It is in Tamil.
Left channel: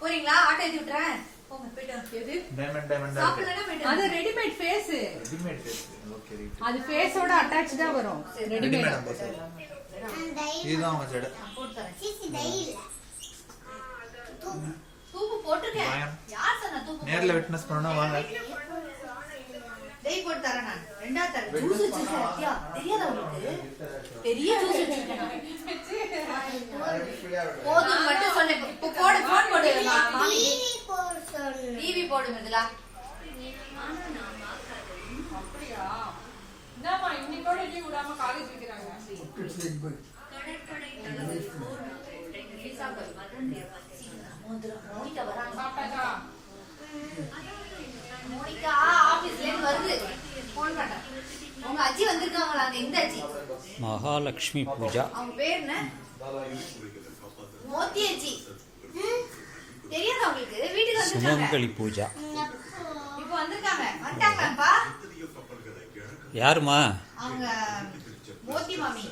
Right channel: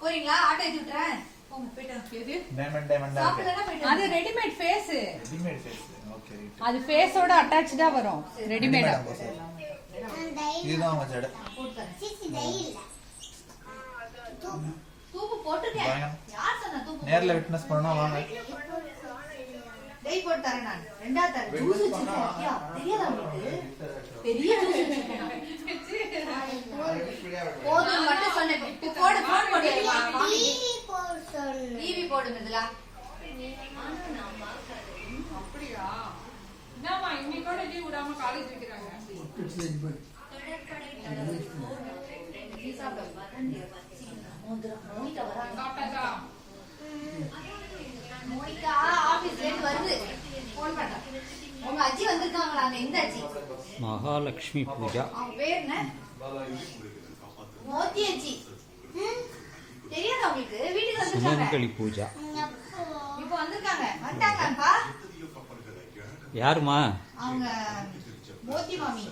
போறீங்களா? ஆட்டோ ஏத்தி விட்டுறேன். போங்க போயிட்டு. எது? டைமண்ட். அது readymade face. Readymade face. Okay right. அது ஃபேஸோட அட்டாச்டா வரும். ரெடிமேட். இதுதான் மச்சட. போட்டுறேன். சிசி டை இல்ல. தூக்கு போட்டுட்டேன். யார் சொன்னா தூக்கு? நேர்ல விட்னஸ் பண்ணனும் வாங்க. டேய் போட்டு தரேன் நான். ரெண்டா தரேன். ஜூஸ் வச்சிருக்கியா? தெரியாதா உங்களுக்கு? பெரிய ஜூஸ் வச்சிருக்கேன். போதும் மட்டும் சொன்னேன். இப்போ போடு போன் போடு. டிவி போடு சொன்னேன். டிவி போடு முதல்ல. அப்படியே என்னமா இன்னைக்கோட லீவ் விடாம காலேஜ் வைக்கறாங்க. மோனிகா ஆபீஸ்ல இருந்து வருது. போன் பண்ண. உங்க அஜி வந்திருக்காங்களா? இந்த அஜி. மகாலட்சுமி பூஜா. அவங்க பேர் என்ன? மோதி அஜி. தெரியாதா உங்களுக்கு? வீட்டுக்கு வந்திருக்காங்க. சுமங்கலி பூஜா. இப்போ வந்திருக்காங்க. வந்தாங்கப்பா. யாருமா? அவங்க மோதி மாமி.